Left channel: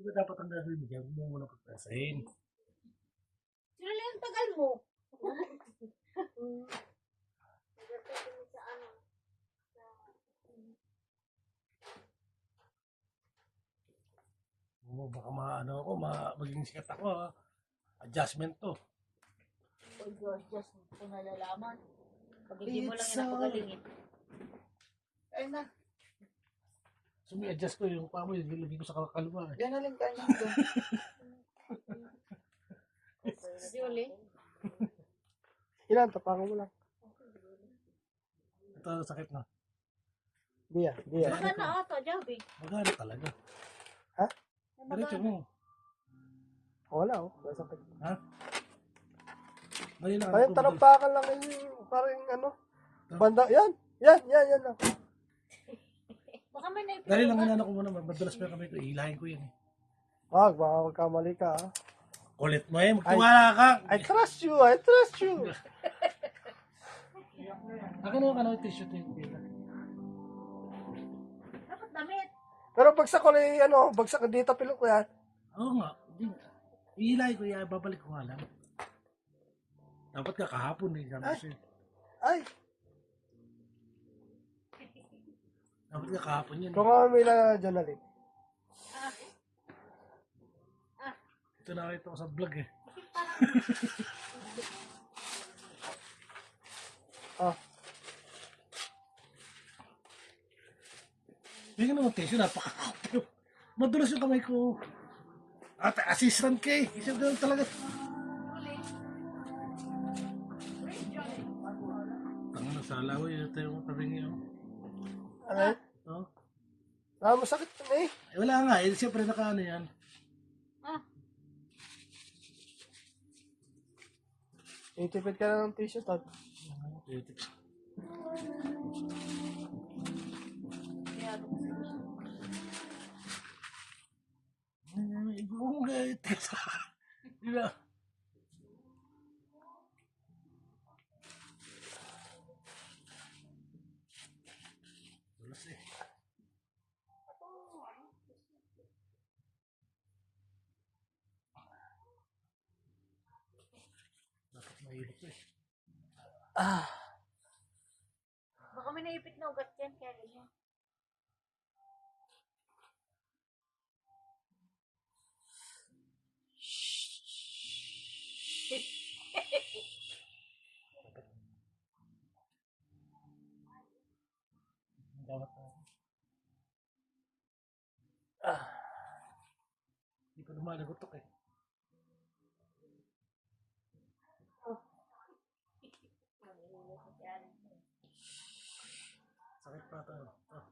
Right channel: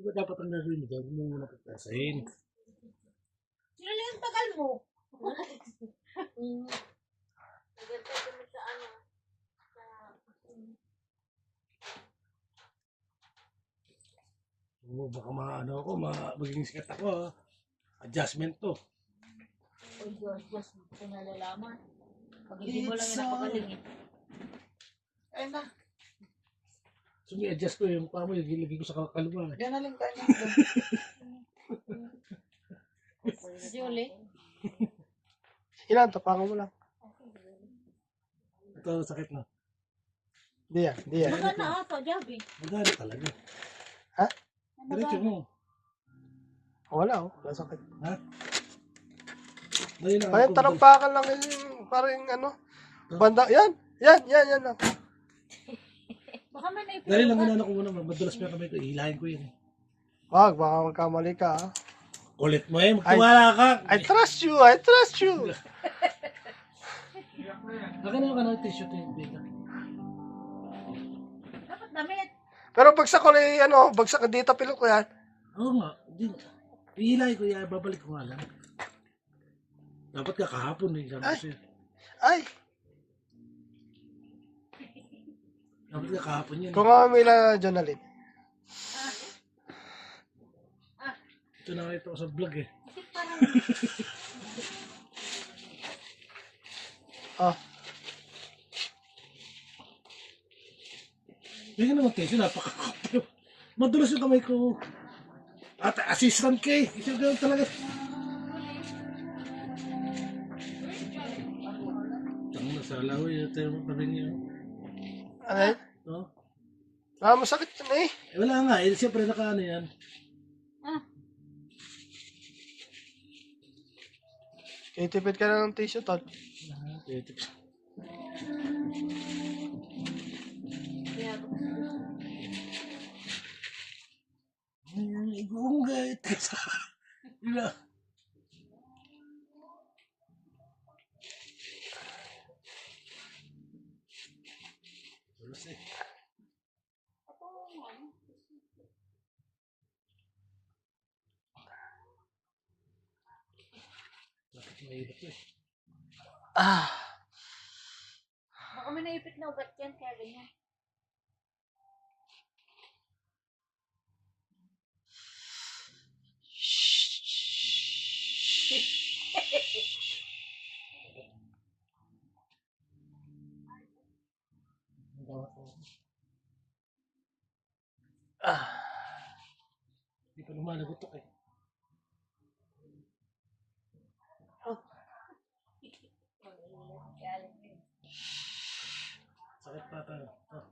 Diba dapat ang gagawin mo dyan? Huwag mo muna pagkasahin. Sino lang yung tagal mo? Nagtatay mo sa ano. Oo, baka ano ako, maging sikat ako ha. Adjustment to. Uy, Diyos, kung nalalaman. Pag hindi mo lang yung napagaling eh. Ay na. Sumi-adjust ko yung paa mo, ilagay ko sa kaluwa. Yan na lang tayo. Julie? Ilan? Tapangan mo lang. Ito, sakit na. Di yan. Di yan. Magana ata, Javi. Magana talaga. Ha? Diretso mo. Wala oh. Wala sakit. Ha? Dali na. Kaya talampakan lang yung parang ano. Banda. Yan. Yan lang. Baka may naipit. Dali lang muna ako muna. Madulas pa kami ito. Ihilahin ko yun. Wag, baka magkamali ka. Ha? Kulit mo eh. Magtiwala ka. I trust you. I trust you. Akin na yung kanang t-shirt yung dito. Dapat damit. Pero bagsak ko na ano. Bagsak dito pilok ko yan. Oo nga. Ihilahin ko yan. Babalik ko nga lang. Dapat ka kahapon eh. Sabi ko sa'yo. Ay. Dapat ka kahapon yan. Kung may na Jonalyn. Ito nakita ko sa vlog eh. Ah. Bigyan naman tissue. Napakakapyo. Madulas yung kamay ko. At assistant ka eh. Isa ganun talaga. Tangin na sa alaway. Ito yung kaming yun. Ano yun? Oh. Masakit na eh. Wala nga eh. Siyempre nakaano yan. Itipid ka na ng tissue, Todd. Igungay. Wala. Tulas eh. Bakit mahirap eh? Baka may naipit na ugat yan, kaya ganyan. Dapat ko. Hindi pa naman nagutok eh. Sakit pa tayo. Oh.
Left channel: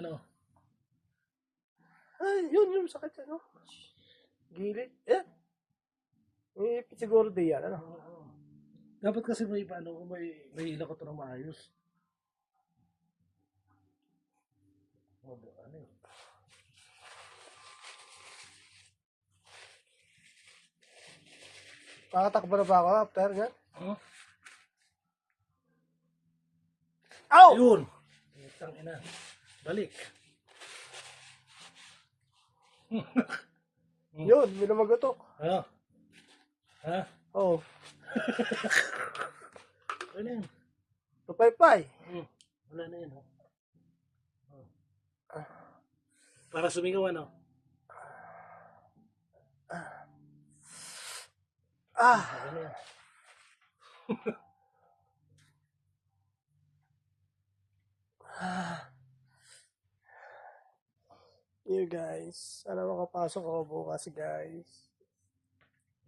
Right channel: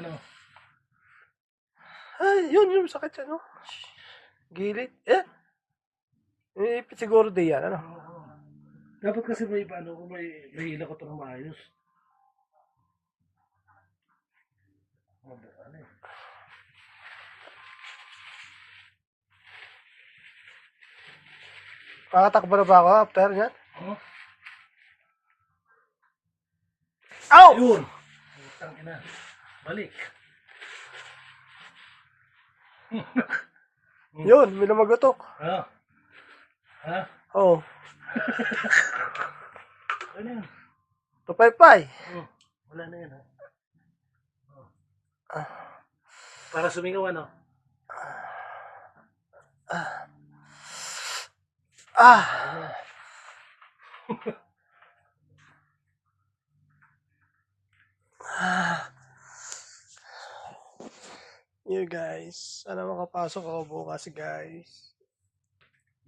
Ano? Ay, yun sakit siya, no? Gilid. Ipit siguro di yan, ano? Dapat kasi may paano kung may ila ko ito ng maayos. Ano eh. Kakatakbo na ba ako after yan? Oh? Ow! Yun! Utang ina. Balik. Yun, may namagotok. Ha? Ha? Oo. Ano yan? Tupay-pay. Oh, wala na yan ha. Oh. Para sumingaw ano? Ano yan? You guys, sana makapasok ako bukas guys.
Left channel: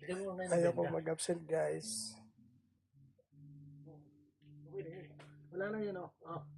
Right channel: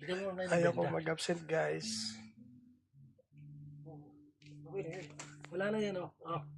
Bigyan mo na yung Ayoko benda. mag-absent guys. Wala na yan oh.